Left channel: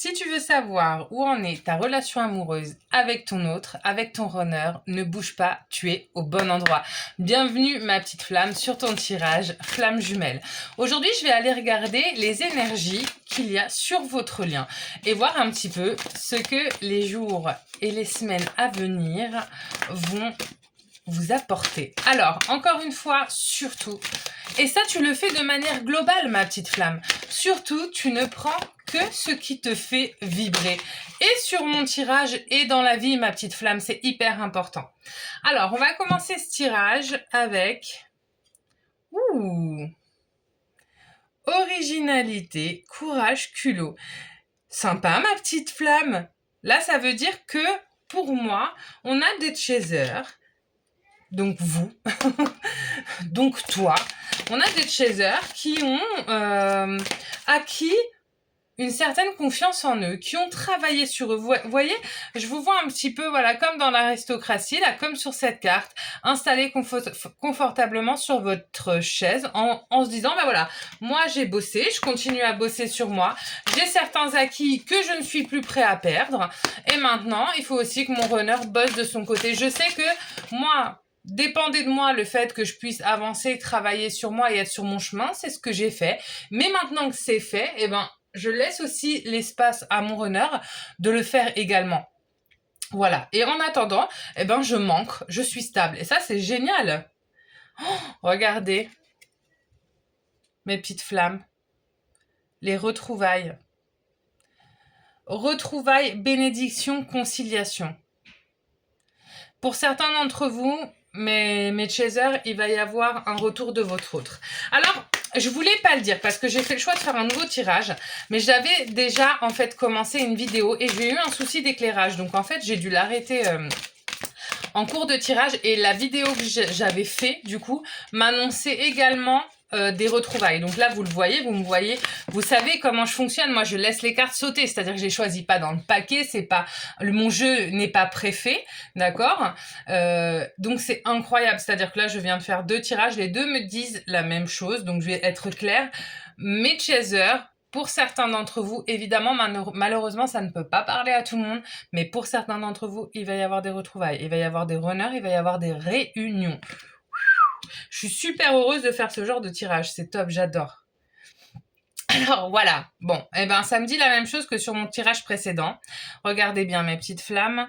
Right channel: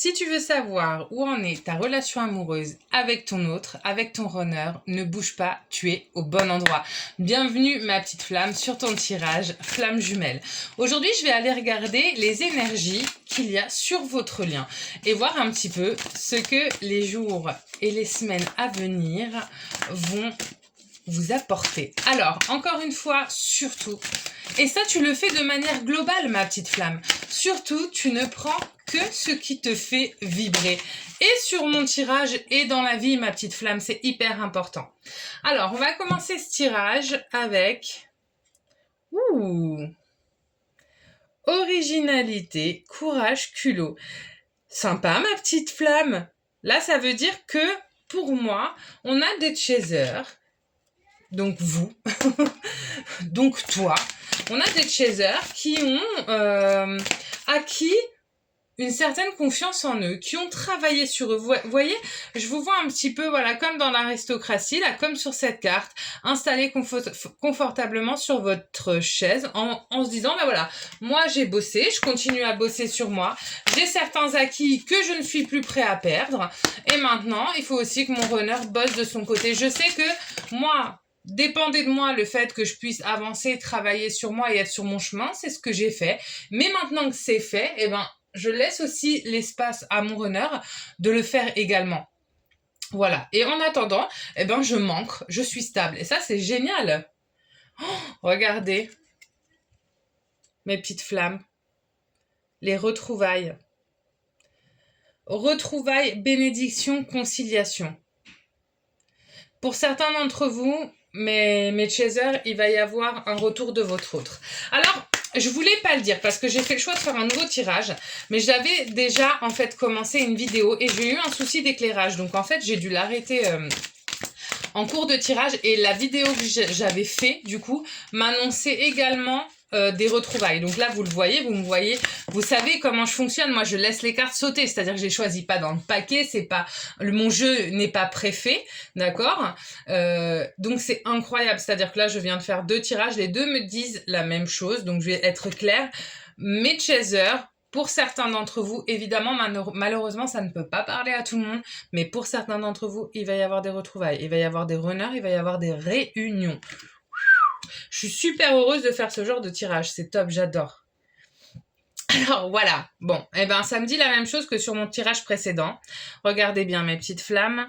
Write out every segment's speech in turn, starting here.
Si tu veux savoir où en est ta relation amoureuse avec ton autre, avec ton runner, ne bouge pas, tu es au bon endroit. Bienvenue ma petite flamme sur ton tirage flamme jumelle. Aujourd'hui, je vais aller regarder les énergies qu'il y a sur votre lien et voir un petit peu ce que les jours et les semaines à venir vont vous apporter. Alors, encore une fois, surtout, et ça tu le fais de manière globale ma petite flamme, surtout tu ne prends que ce qui te fait vibrer. Et sur mon tirage et dans la vie ma petite flamme, c'est hyper important. Alors, on va commencer ce tirage avec... Originalité, courage, culot. Sympa ma petite flamme. Là, ça veut dire que, pour moi, on a des chasers. Donc vous, donc toi, on a des chasers qui ont acquis une certaine confiance en eux, qui ont travaillé sur eux. Vous voyez, je vous vois un petit peu, voilà, comme dans l'aristocratie, là, comme sur cette carte, installé confortablement sur votre chaise, en se disant, bah voilà, moi j'ai bossé, je continue à bosser sur moi, j'ai certains acquis que je ne suis plus prêt à perdre, et maintenant, il faut aussi que mon runner bosse de son côté. Je sais que moi... Dépendait de moi le fait que je puisse avancer, travailler sur moi et être sur mon chemin, c'est ce que j'ai fait. Mais maintenant que c'est fait, eh ben, je laisse aussi l'espace à mon runner de le faire également. Voilà. Et en attendant, eh ben, je manque, je suis stable. Et ça, c'est génial. Oh, regardez. Mes petites flammes. Les retrouvailles. Retrouvailles, bénédiction, conciliation. Pour certains d'entre vous, mes chasers, il va y avoir un retour de votre autre. Alors, je voulais pas le dire parce que j'ai fait le choix de faire un nouveau tirage, mais j'avais déjà en fait commencé une vidéo et j'ai eu un souci d'éclairage. Donc en fait, j'ai dû l'arrêter en cours de tirage et la vidéo que j'avais fait du coup m'annonçait également des retrouvailles. Donc là, vous le voyez, vous me voyez, vous savez comment je fonctionne. Moi, je laisse les cartes sauter, c'est-à-dire que je les choisis pas dans le paquet, c'est pas mon jeu n'est pas préfet, d'accord. Donc c'est incroyable, c'est-à-dire que là, je viens de faire 2 tirages, les deux me disent la même chose, donc je vais être claire. Mes chasers, pour certains d'entre vous, évidemment, malheureusement, ça ne peut pas parler à tout le monde, mais pour certains d'entre vous, il va y avoir des retrouvailles, il va y avoir des runners, il va y avoir des réunions. Je suis super heureuse de faire ce genre de tirage, c'est top, j'adore. Alors voilà, bon, eh ben ça me dit la même chose que sur mon tirage précédent. Regardez bien mes petites flammes.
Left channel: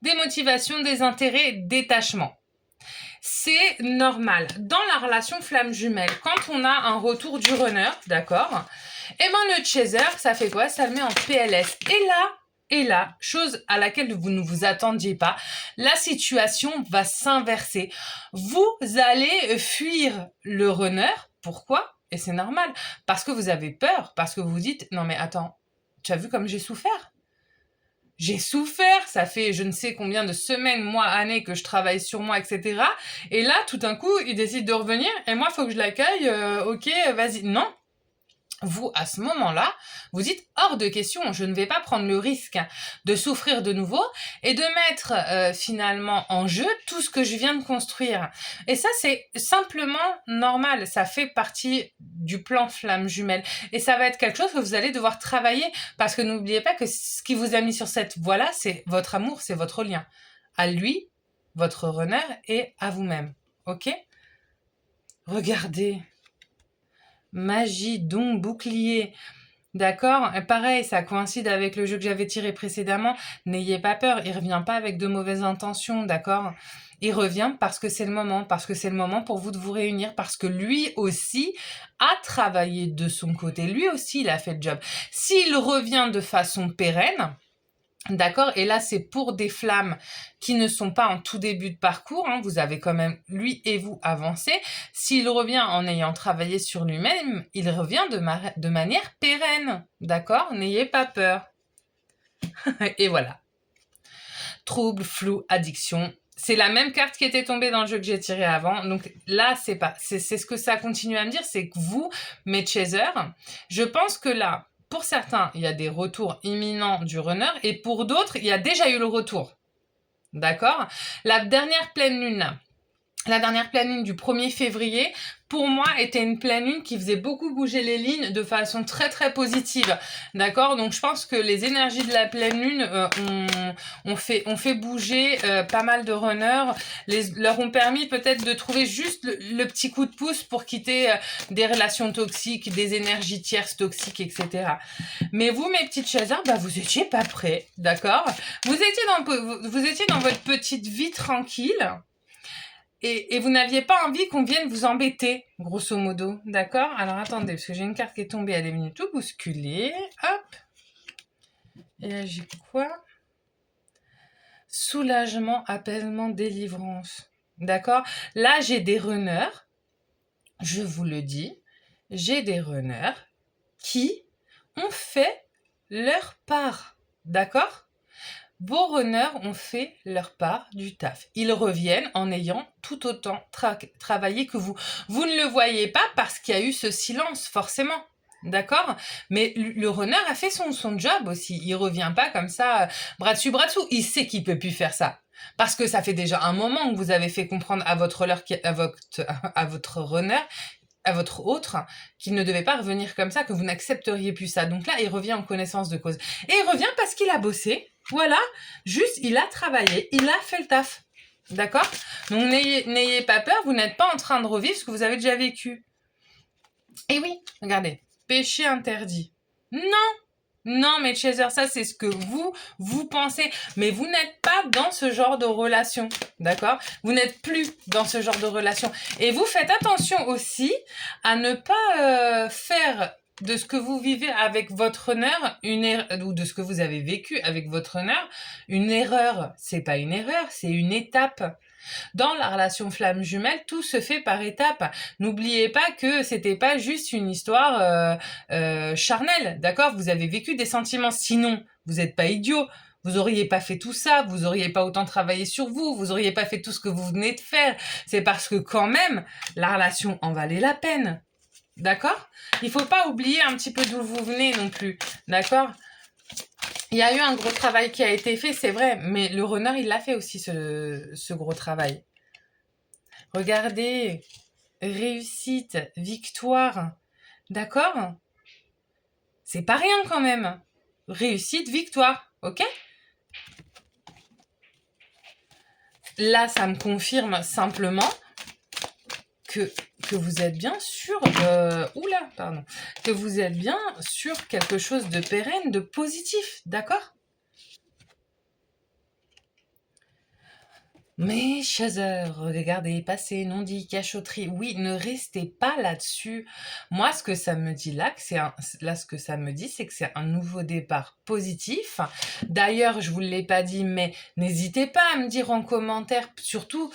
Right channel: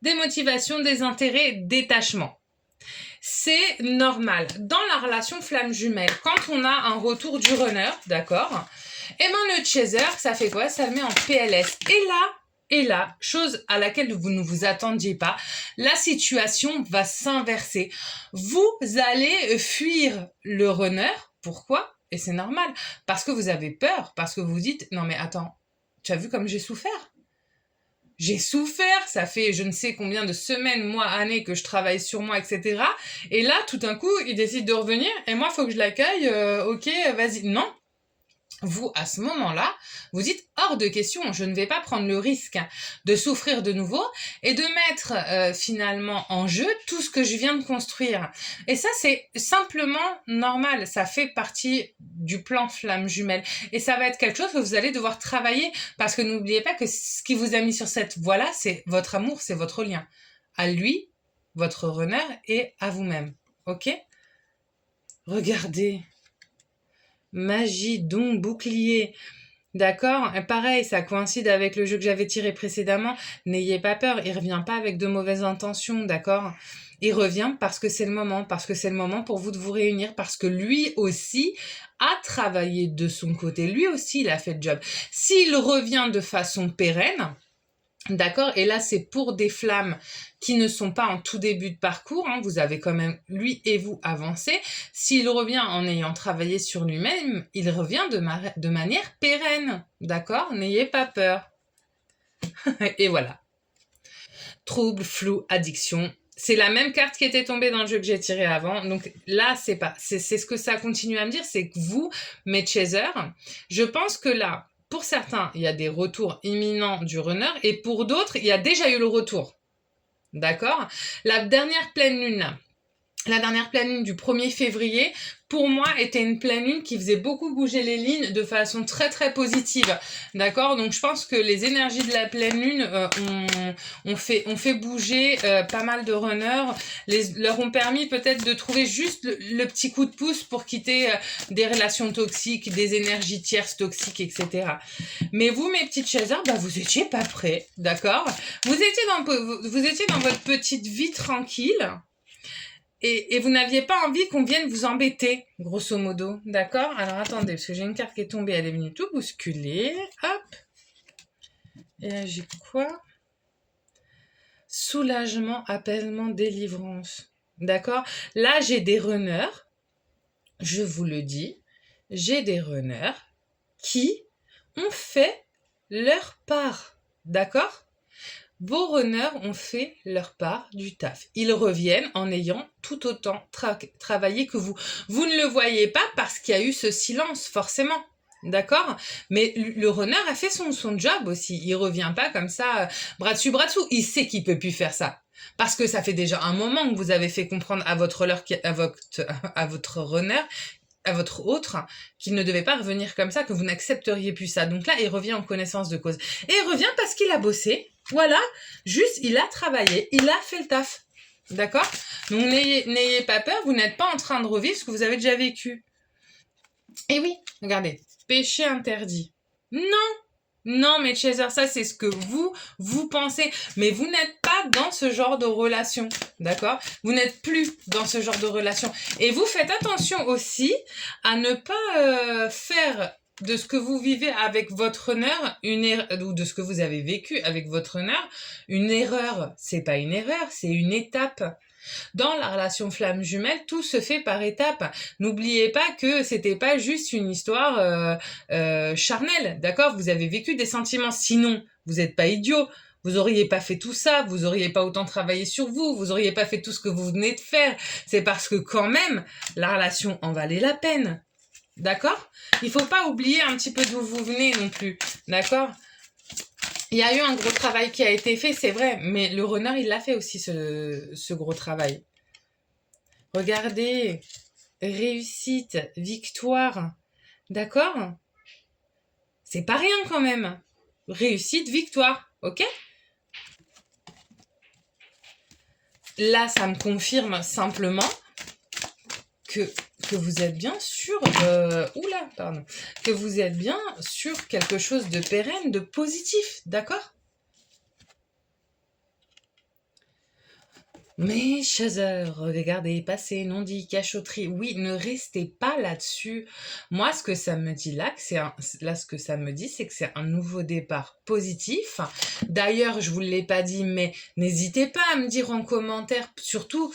Démotivation, désintérêt, détachement. C'est normal. Dans la relation flamme jumelle, quand on a un retour du runner, d'accord, eh ben le chaser, ça fait quoi? Ça le met en PLS. Et là, chose à laquelle vous ne vous attendiez pas, la situation va s'inverser. Vous allez fuir le runner. Pourquoi? Et c'est normal. Parce que vous avez peur. Parce que vous vous dites, non mais attends, tu as vu comme j'ai souffert? J'ai souffert, ça fait je ne sais combien de semaines, mois, années que je travaille sur moi, etc. Et là, tout d'un coup, il décide de revenir et moi, il faut que je l'accueille. Ok, vas-y. Non. Vous, à ce moment-là, vous dites hors de question, je ne vais pas prendre le risque de souffrir de nouveau et de mettre finalement en jeu tout ce que je viens de construire. Et ça, c'est simplement normal, ça fait partie du plan flamme jumelle. Et ça va être quelque chose que vous allez devoir travailler parce que n'oubliez pas que ce qui vous a mis sur cette voie-là, c'est votre amour, c'est votre lien. À lui, votre runner et à vous-même. Ok? Regardez. Magie, don, bouclier. D'accord? Pareil, ça coïncide avec le jeu que j'avais tiré précédemment. N'ayez pas peur, il revient pas avec de mauvaises intentions, d'accord? Il revient parce que c'est le moment pour vous de vous réunir, parce que lui aussi a travaillé de son côté, lui aussi il a fait le job. S'il revient de façon pérenne, d'accord, et là c'est pour des flammes qui ne sont pas en tout début de parcours, hein, vous avez quand même, lui et vous, avancé. S'il revient en ayant travaillé sur lui-même, il revient de manière pérenne, d'accord? N'ayez pas peur. Et voilà. Trouble, flou, addiction. C'est la même carte qui était tombée dans le jeu que j'ai tiré avant. Donc là, c'est ce que ça continue à me dire, c'est que vous, mes chasers, je pense que là, pour certains, il y a des retours imminents du runner et pour d'autres, il y a déjà eu le retour. D'accord? La dernière pleine lune, La dernière pleine lune du 1er février, pour moi, était une pleine lune qui faisait beaucoup bouger les lignes de façon très très positive. D'accord? Donc je pense que les énergies de la pleine lune ont fait bouger pas mal de runners, leur ont permis peut-être de trouver juste le petit coup de pouce pour quitter des relations toxiques, des énergies tierces toxiques, etc. Mais vous, mes petites chasers, bah, vous étiez pas prêts, d'accord? Vous étiez dans votre petite vie tranquille. Et vous n'aviez pas envie qu'on vienne vous embêter, grosso modo. D'accord? Alors attendez, parce que j'ai une carte qui est tombée, elle est venue tout bousculer. Hop. Et là, j'ai quoi? Soulagement, apaisement, délivrance. D'accord? Là, j'ai des runners. Je vous le dis. J'ai des runners qui ont fait leur part. D'accord? Vos runners ont fait leur part du taf. Ils reviennent en ayant tout autant travaillé que vous. Vous ne le voyez pas parce qu'il y a eu ce silence, forcément. D'accord? Mais le runner a fait son job aussi. Il revient pas comme ça, bras dessus, bras dessous. Il sait qu'il peut plus faire ça. Parce que ça fait déjà un moment que vous avez fait comprendre à votre runner, à votre autre, qu'il ne devait pas revenir comme ça, que vous n'accepteriez plus ça. Donc là, il revient en connaissance de cause. Et il revient parce qu'il a bossé. Voilà, juste, il a travaillé, il a fait le taf. D'accord? Donc n'ayez pas peur, vous n'êtes pas en train de revivre ce que vous avez déjà vécu. Et oui, regardez, péché interdit. Non, mes chasers, ça c'est ce que vous pensez. Mais vous n'êtes pas dans ce genre de relation, d'accord? Vous n'êtes plus dans ce genre de relation. Et vous faites attention aussi à ne pas faire de ce que vous vivez avec votre honneur, ou de ce que vous avez vécu avec votre honneur, une erreur. C'est pas une erreur, c'est une étape. Dans la relation flamme jumelle, tout se fait par étapes. N'oubliez pas que c'était pas juste une histoire charnelle, d'accord? Vous avez vécu des sentiments, sinon vous n'êtes pas idiot. Vous auriez pas fait tout ça, vous auriez pas autant travaillé sur vous, vous auriez pas fait tout ce que vous venez de faire. C'est parce que quand même, la relation en valait la peine. D'accord? Il faut pas oublier un petit peu d'où vous venez non plus. D'accord? Il y a eu un gros travail qui a été fait, c'est vrai, mais le runner, il l'a fait aussi, ce gros travail. Regardez, réussite, victoire, d'accord? C'est pas rien quand même. Réussite, victoire, ok? Là, ça me confirme simplement que vous êtes bien sur... que vous êtes bien sur quelque chose de pérenne, de positif, d'accord? Mais chasers, regardez, passé, non-dit, cachotterie. Oui, ne restez pas là-dessus. Moi, ce que ça me dit là, ce que ça me dit, c'est que c'est un nouveau départ positif. D'ailleurs, je vous l'ai pas dit, mais n'hésitez pas à me dire en commentaire, surtout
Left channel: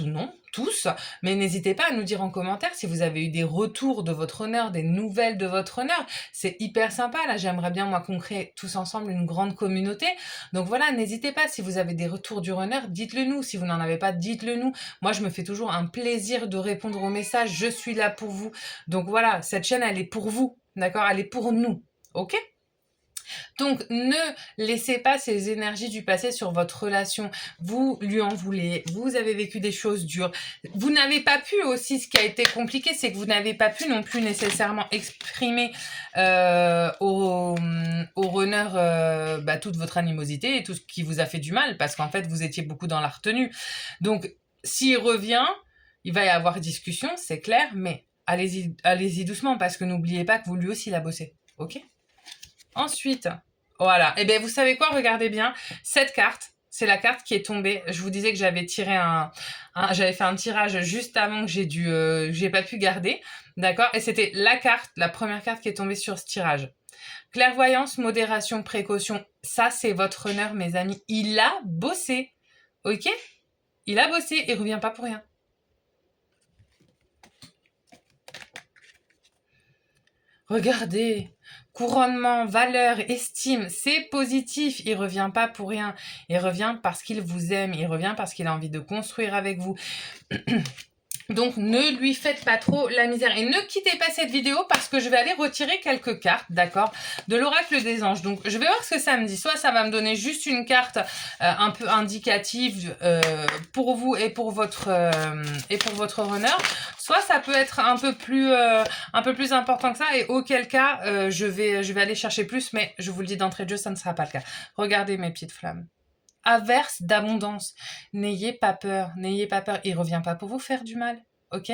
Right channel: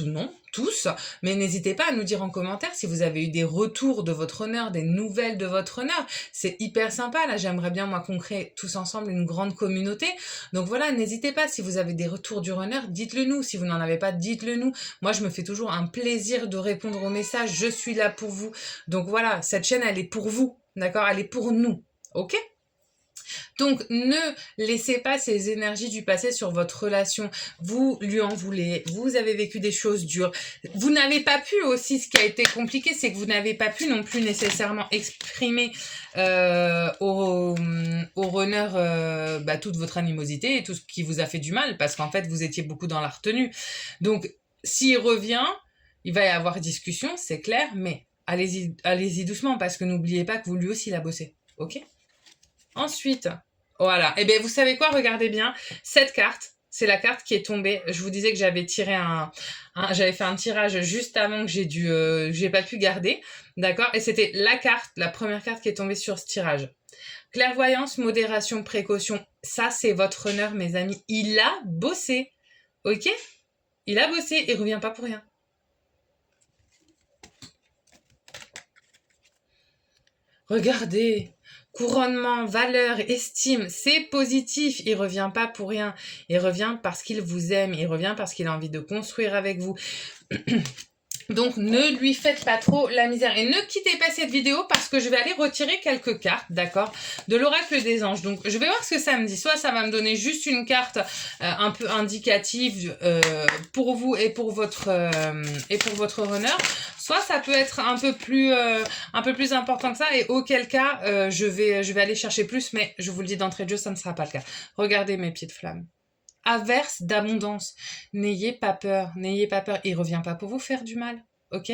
non, tous, mais n'hésitez pas à nous dire en commentaire si vous avez eu des retours de votre honneur, des nouvelles de votre honneur. C'est hyper sympa. Là, j'aimerais bien, moi, qu'on crée tous ensemble une grande communauté. Donc voilà, n'hésitez pas, si vous avez des retours du runner, dites-le nous. Si vous n'en avez pas, dites-le nous. Moi, je me fais toujours un plaisir de répondre aux messages. Je suis là pour vous. Donc voilà, cette chaîne, elle est pour vous. D'accord? Elle est pour nous. Ok? Donc, ne laissez pas ces énergies du passé sur votre relation. Vous lui en voulez, vous avez vécu des choses dures. Vous n'avez pas pu aussi, ce qui a été compliqué, c'est que vous n'avez pas pu non plus nécessairement exprimer au runner toute votre animosité et tout ce qui vous a fait du mal, parce qu'en fait, vous étiez beaucoup dans la retenue. Donc, s'il revient, il va y avoir discussion, c'est clair, mais allez-y doucement, parce que n'oubliez pas que vous lui aussi l'a bossé. Ok? Ensuite, voilà. Et bien, vous savez quoi? Regardez bien. Cette carte, c'est la carte qui est tombée. Je vous disais que j'avais tiré j'avais fait un tirage juste avant que j'ai pas pu garder. D'accord? Et c'était la première carte qui est tombée sur ce tirage. Clairvoyance, modération, précaution. Ça, c'est votre honneur, mes amis. Il a bossé. Ok? Il a bossé. Il revient pas pour rien. Regardez. Couronnement, valeur, estime, c'est positif. Il revient pas pour rien. Il revient parce qu'il vous aime. Il revient parce qu'il a envie de construire avec vous. Donc, ne lui faites pas trop la misère. Et ne quittez pas cette vidéo parce que je vais aller retirer quelques cartes, d'accord, de l'oracle des anges. Donc, je vais voir ce que ça me dit. Soit ça va me donner juste une carte un peu indicative pour vous et pour votre runner. Soit ça peut être un peu plus important que ça. Et auquel cas, je vais aller chercher plus. Mais je vous le dis d'entrée de jeu, ça ne sera pas le cas. Regardez mes petites flammes. Averse d'abondance. N'ayez pas peur, n'ayez pas peur. Il revient pas pour vous faire du mal, ok?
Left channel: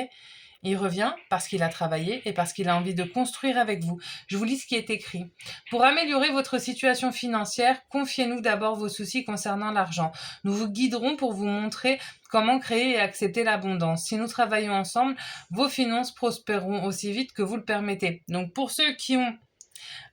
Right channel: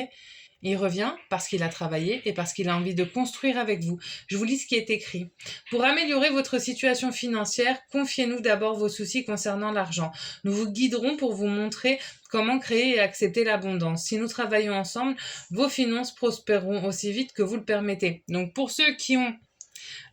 Il revient parce qu'il a travaillé et parce qu'il a envie de construire avec vous. Je vous lis ce qui est écrit. Pour améliorer votre situation financière, confiez-nous d'abord vos soucis concernant l'argent. Nous vous guiderons pour vous montrer comment créer et accepter l'abondance. Si nous travaillons ensemble, vos finances prospéreront aussi vite que vous le permettez. Donc pour ceux qui ont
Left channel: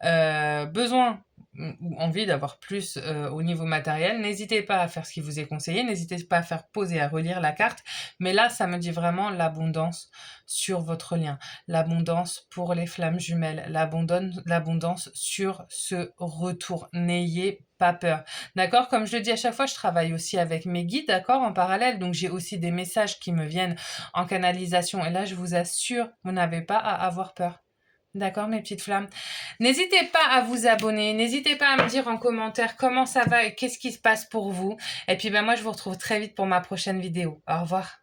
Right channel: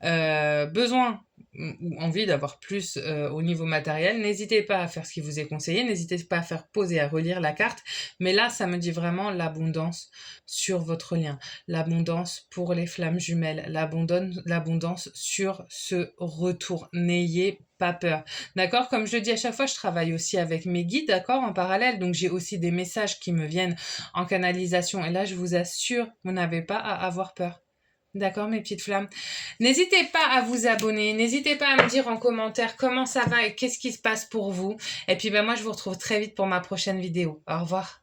besoin ou envie d'avoir plus au niveau matériel, n'hésitez pas à faire ce qui vous est conseillé, n'hésitez pas à faire poser, à relire la carte, mais là, ça me dit vraiment l'abondance sur votre lien, l'abondance pour les flammes jumelles, l'abondance sur ce retour. N'ayez pas peur, d'accord? Comme je le dis à chaque fois, je travaille aussi avec mes guides, d'accord, en parallèle, donc j'ai aussi des messages qui me viennent en canalisation, et là, je vous assure, vous n'avez pas à avoir peur. D'accord, mes petites flammes. N'hésitez pas à vous abonner, n'hésitez pas à me dire en commentaire comment ça va et qu'est-ce qui se passe pour vous. Et puis, moi, je vous retrouve très vite pour ma prochaine vidéo. Au revoir.